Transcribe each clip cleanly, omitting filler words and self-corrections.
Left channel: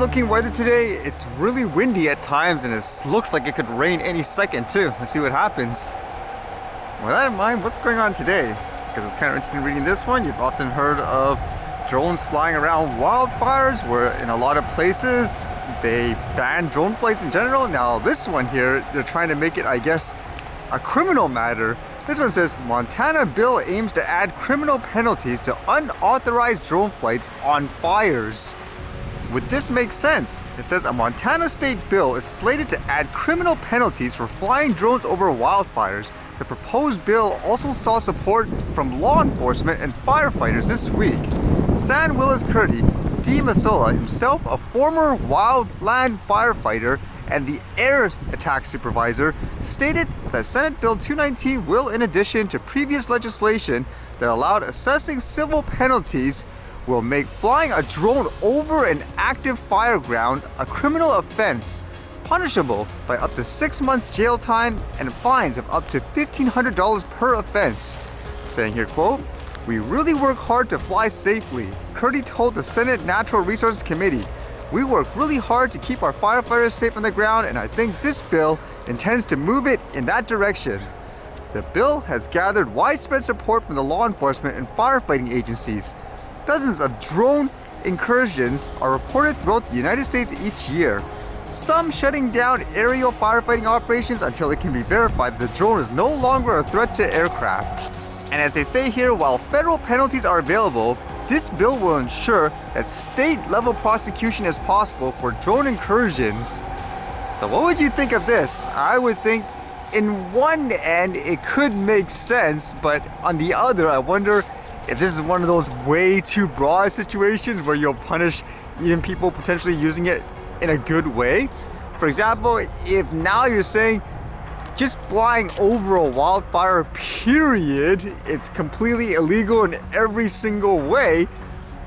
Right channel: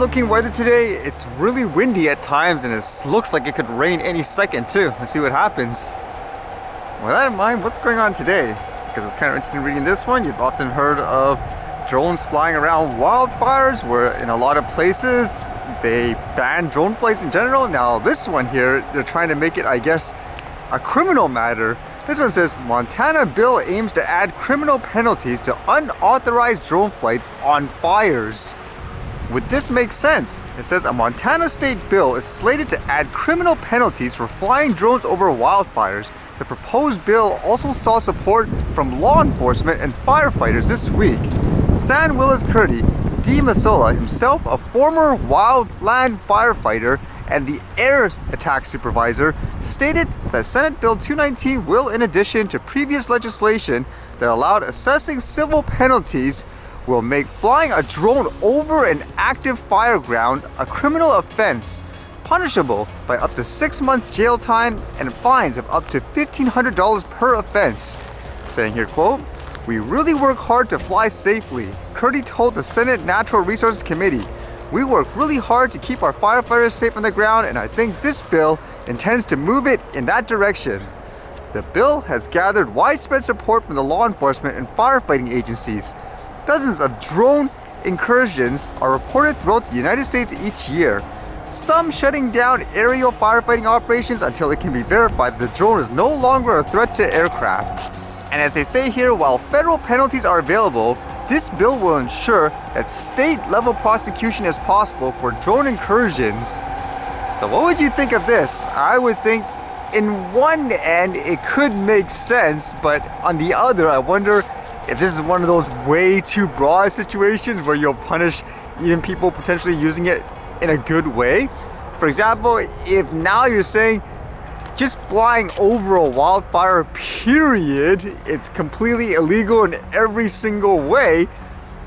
looking weather today. It's really windy at times and it looks like it could rain any second too. Let's see what happens. With that in mind, what's going on today? Because it's kind of interesting reading this one. You've often heard of drones flying around wildfires, where in a lot of places they ban drone flights in general. Now this one here, they're trying to make it, I guess, a criminal matter. This one says, Montana bill aims to add criminal penalties to unauthorized drone flights on fires. Would this make sense? It says a Montana state bill is slated to add criminal penalties for flying drones over wildfires. The proposed bill also saw support from law enforcement and firefighters this week. San Willis Curdy D. Masola, himself a former wildland firefighter and the air attack supervisor, stated that Senate Bill 219 will, in addition to previous legislation that allowed assessing civil penalties, will make flying a drone over an active fireground a criminal offense, punishable by up to 6 months jail time and fines of up to $1,500 per offense. Saying here, quote, "We really work hard to fly safely," Curdy told the Senate Natural Resources Committee. "We work really hard to keep our firefighters safe on the ground, and I think this bill intends to move it in that direction." The bill has gathered widespread support from the law enforcement and firefighting agencies. Dozens of drone incursions are reported throughout the United States each year, some shutting down aerial firefighting operations until it can be verified that the drone is no longer a threat to aircraft. And as they say here, while federal penalties are available, this bill will ensure that state-level prosecution is possible for drone incursions. So what would you think of this? I would think in one end it could make sense, but on the other I wonder if this is one of those way too broad situations where you'll punish even people potentially using it in a good way. For example, if now you're saying just flying over a wildfire period, it's completely illegal in every single way,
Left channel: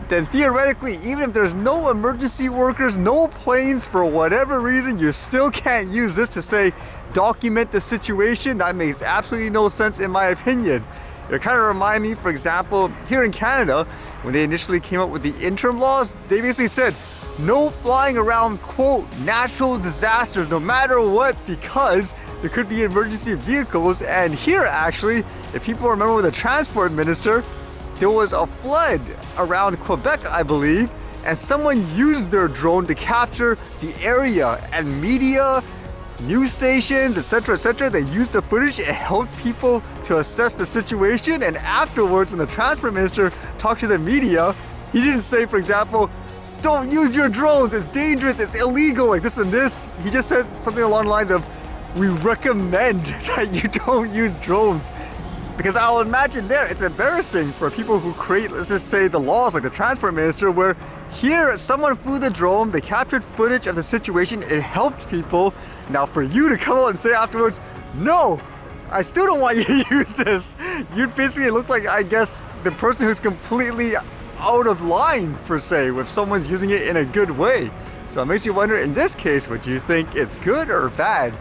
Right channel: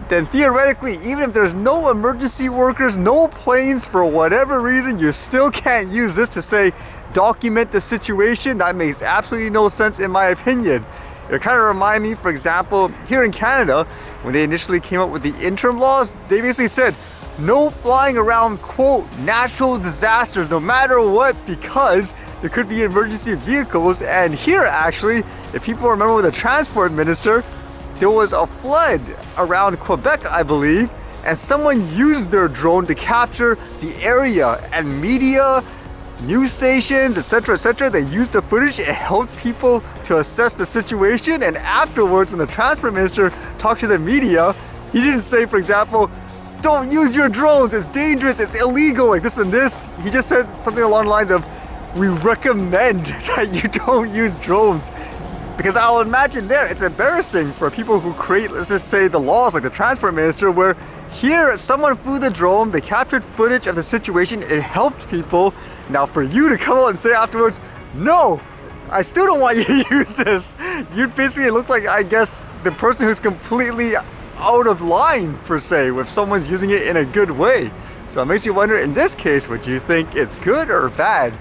then theoretically, even if there's no emergency workers, no planes, for whatever reason, you still can't use this to say, document the situation. That makes absolutely no sense in my opinion. It kind of reminds me, for example, here in Canada, when they initially came up with the interim laws, they basically said, no flying around, quote, natural disasters, no matter what, because there could be emergency vehicles. And here, actually, if people remember with the transport minister, there was a flood around Quebec, I believe, and someone used their drone to capture the area, and media, news stations, etc., they used the footage. It helped people to assess the situation. And afterwards, when the transport minister talked to the media, he didn't say, for example, don't use your drones, it's dangerous, it's illegal, like this and this. He just said something along the lines of, we recommend that you don't use drones. Because I'll imagine there, it's embarrassing for people who create, let's just say, the laws, like the transport minister, where here someone flew the drone, they captured footage of the situation, it helped people. Now for you to come out and say afterwards, no, I still don't want you to use this, you'd basically look like, I guess, the person who's completely out of line, per se, if someone's using it in a good way. So it makes you wonder, in this case, would you think it's good or bad?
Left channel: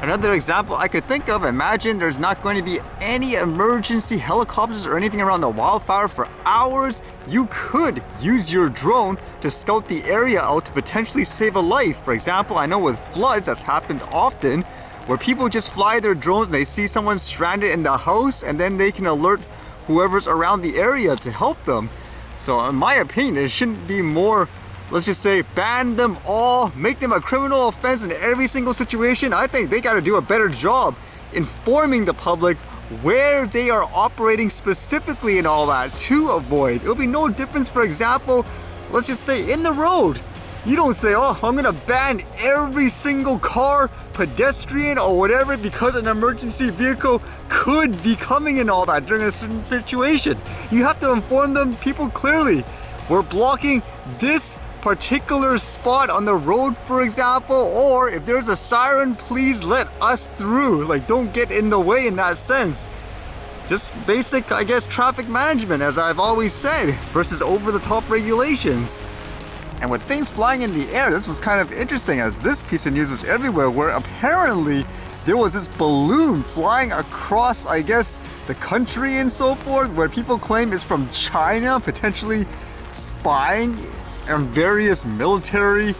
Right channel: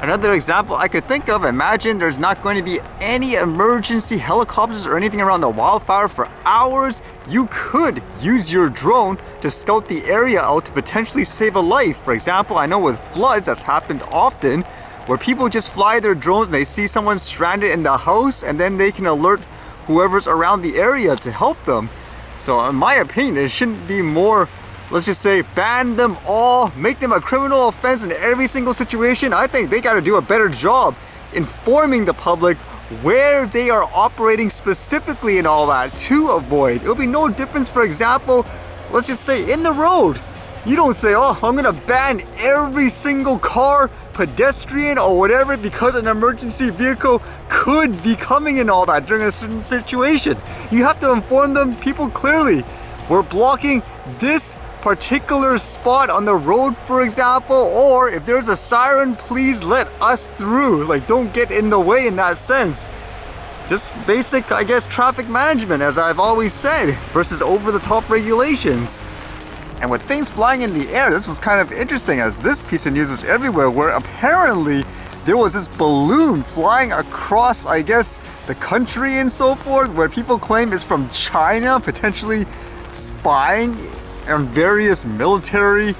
Another example I could think of, imagine there's not going to be any emergency helicopters or anything around the wildfire for hours. You could use your drone to scout the area out to potentially save a life. For example, I know with floods that's happened often, where people just fly their drones and they see someone stranded in the house, and then they can alert whoever's around the area to help them. So in my opinion, it shouldn't be more, let's just say, ban them all, make them a criminal offense in every single situation. I think they got to do a better job informing the public where they are operating specifically and all that to avoid. It'll be no difference, for example, let's just say in the road. You don't say, oh, I'm gonna ban every single car, pedestrian, or whatever because an emergency vehicle could be coming and all that during a certain situation. You have to inform them, people, clearly. We're blocking this particular spot on the road, for example, or if there's a siren, please let us through. Like, don't get in the way in that sense. Just basic, I guess, traffic management, as I've always said, versus over-the-top regulations. And with things flying in the air, this was kind of interesting, as this piece of news was everywhere, where apparently there was this balloon flying across, I guess, the country and so forth, where people claim it's from China, potentially spying in various military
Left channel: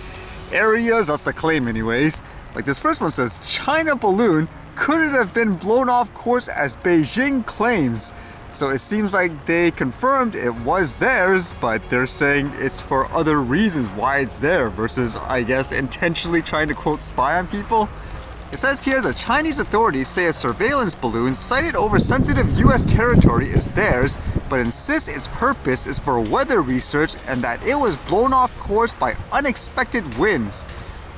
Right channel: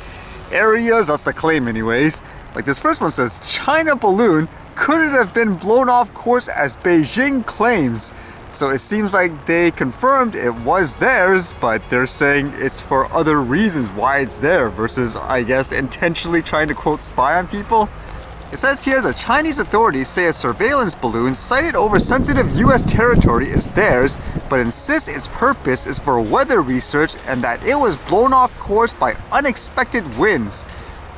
areas. That's the claim anyways. Like this first one says, China balloon couldn't have been blown off course as Beijing claims. So it seems like they confirmed it was theirs, but they're saying it's for other reasons why it's there versus, I guess, intentionally trying to quote spy on people. It says here the Chinese authorities say a surveillance balloon sighted over sensitive US territory is theirs, but insists its purpose is for weather research and that it was blown off course by unexpected winds.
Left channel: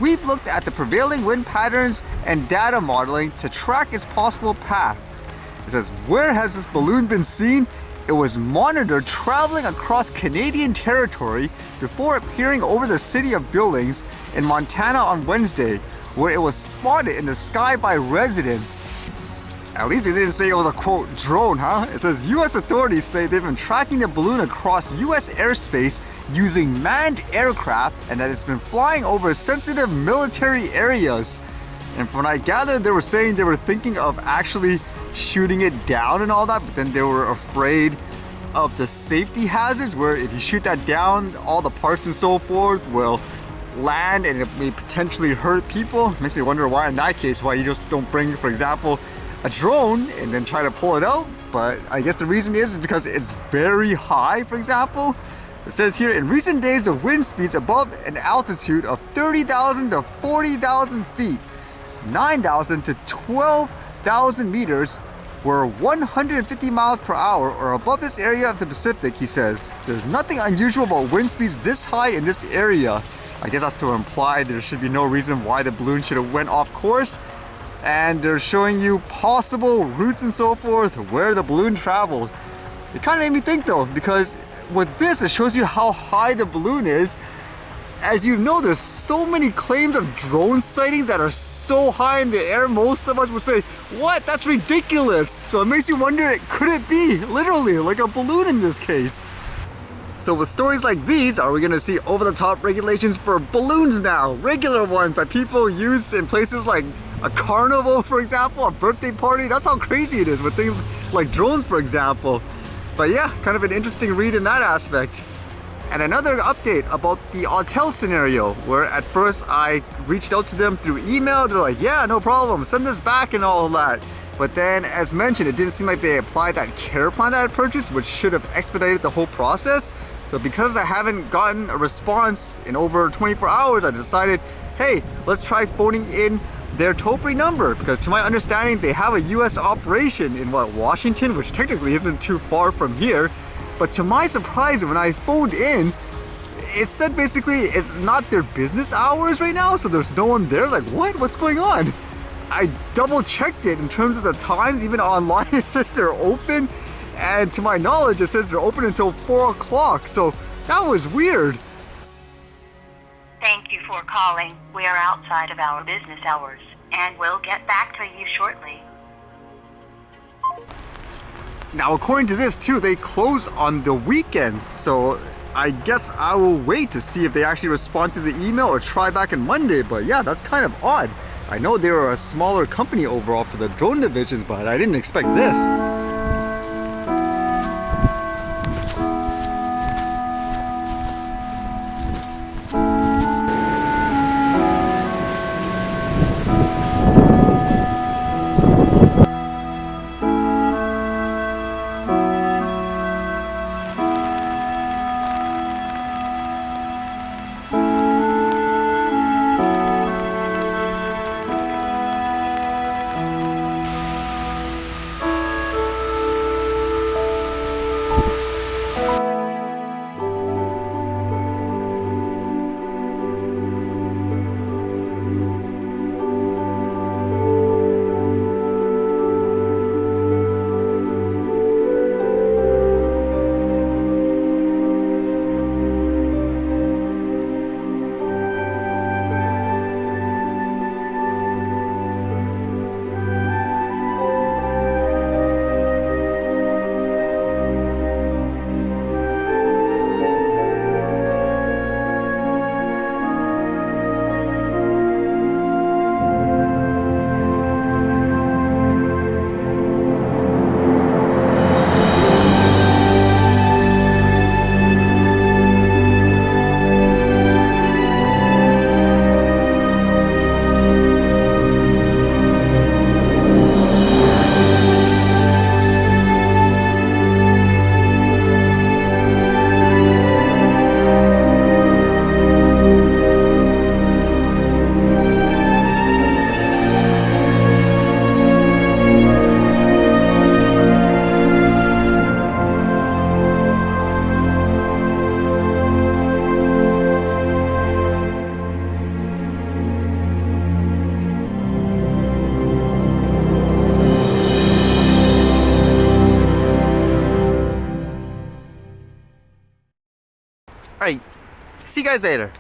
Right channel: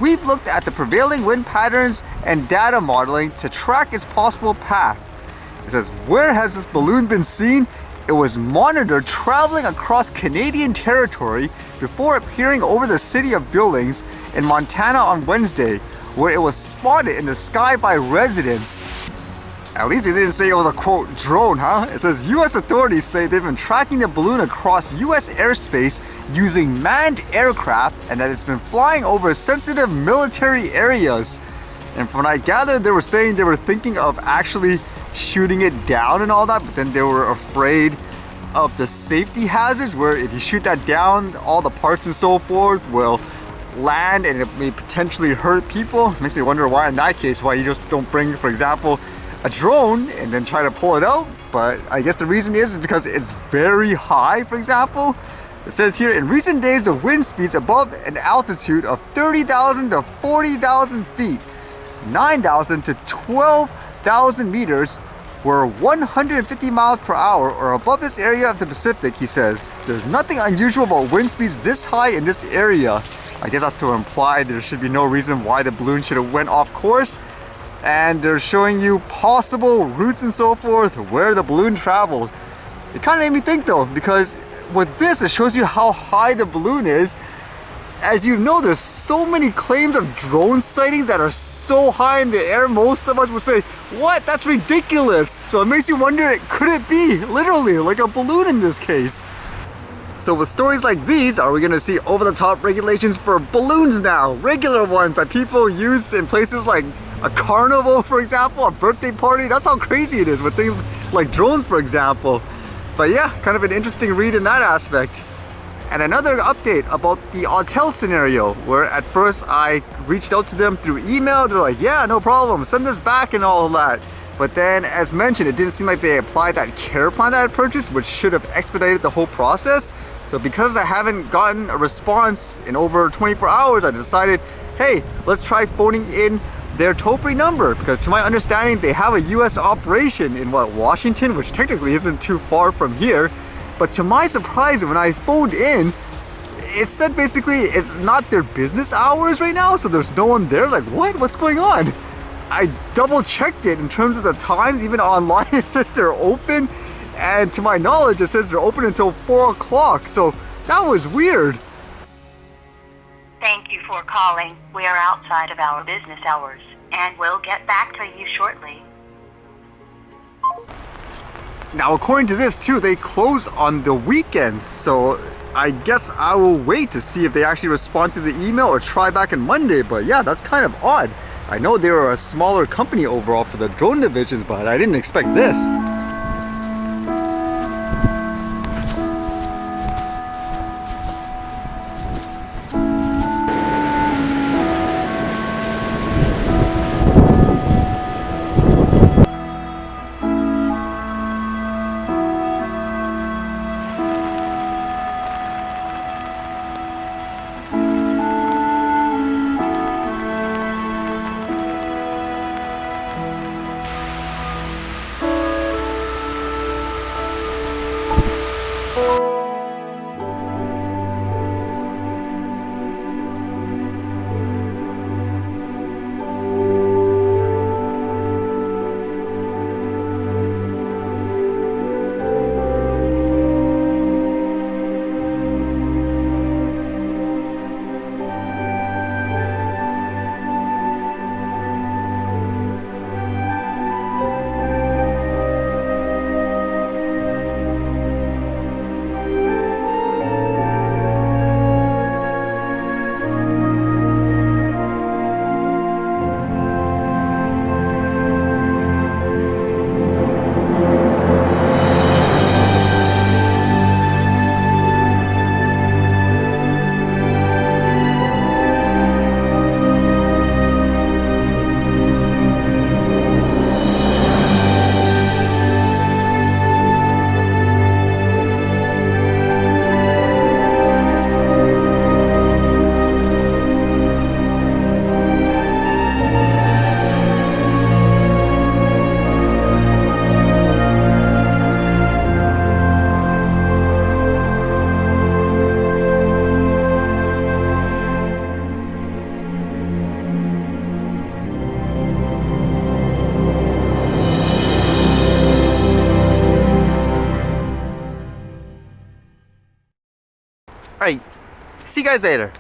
We've looked at the prevailing wind patterns and data modeling to track its possible path. It says, where has this balloon been seen? It was monitored traveling across Canadian territory before appearing over the city of Billings in Montana on Wednesday, where it was spotted in the sky by residents. At least they didn't say it was a quote drone, huh? It says US authorities say they've been tracking the balloon across US airspace using manned aircraft and that it's been flying over sensitive military areas. And from what I gathered, they were saying they were thinking of actually shooting it down and all that, but then they were afraid of the safety hazards where if you shoot that down, all the parts and so forth will land and it may potentially hurt people. Makes me wonder why in that case, why you just don't bring, for example, a drone and then try to pull it out. But I guess the reason is because it's very high, for example. It says here, in recent days, the wind speeds above an altitude of 30,000 to 40,000 feet, 9,000 to 12,000 meters, were 150 miles per hour or above this area of the Pacific, he says. There's nothing unusual about wind speeds this high in this area. I guess that's to imply there should be no reason why the balloon should have went off course. And they're showing you possible routes and so forth, where the balloon traveled. It kind of made me think though, because with this, it shows you how high the balloon is. As you know, there's so many claims of drone sightings that are so high in the air, most of us would say, what? That's ridiculous. So it makes you wonder, could it be literally like a balloon in this case? So with stories like these, are we gonna see over-the-top regulations for balloons now? Regular ones that people use in places like a carnival, for example, a birthday party. That's how crazy it is with things like drones, for example. But yeah, kind of an interesting read in that aspect. And another update about the Autel scenario, where at first I reached out to them through email. They're like, yeah, no problem, send this back and all of that. But then, as mentioned, it didn't seem like they applied that care plan that I purchased, which should have expedited the whole process. So because I haven't gotten a response in over 24 hours, I decided, hey, let's try phoning in their toll-free number, because to my understanding, they have a US operation in Washington, which technically isn't too far from here. But to my surprise, when I phoned in, it said basically it's not their business hours right now, so there's no one there. Like, what? What's going on? I double checked it in terms of the times. Even online it says they're open, and to my knowledge it says they're open until 4 o'clock, so that was weird. Thank you for calling. We are outside of our business hours and we'll get back to you shortly. Now according to this too, they close on the weekends, so I guess I will wait to see if they actually respond to the email or try back on Monday. But yeah, that's kind of odd. I know they were a smaller company overall for the drone divisions, but I didn't expect this. See you guys later.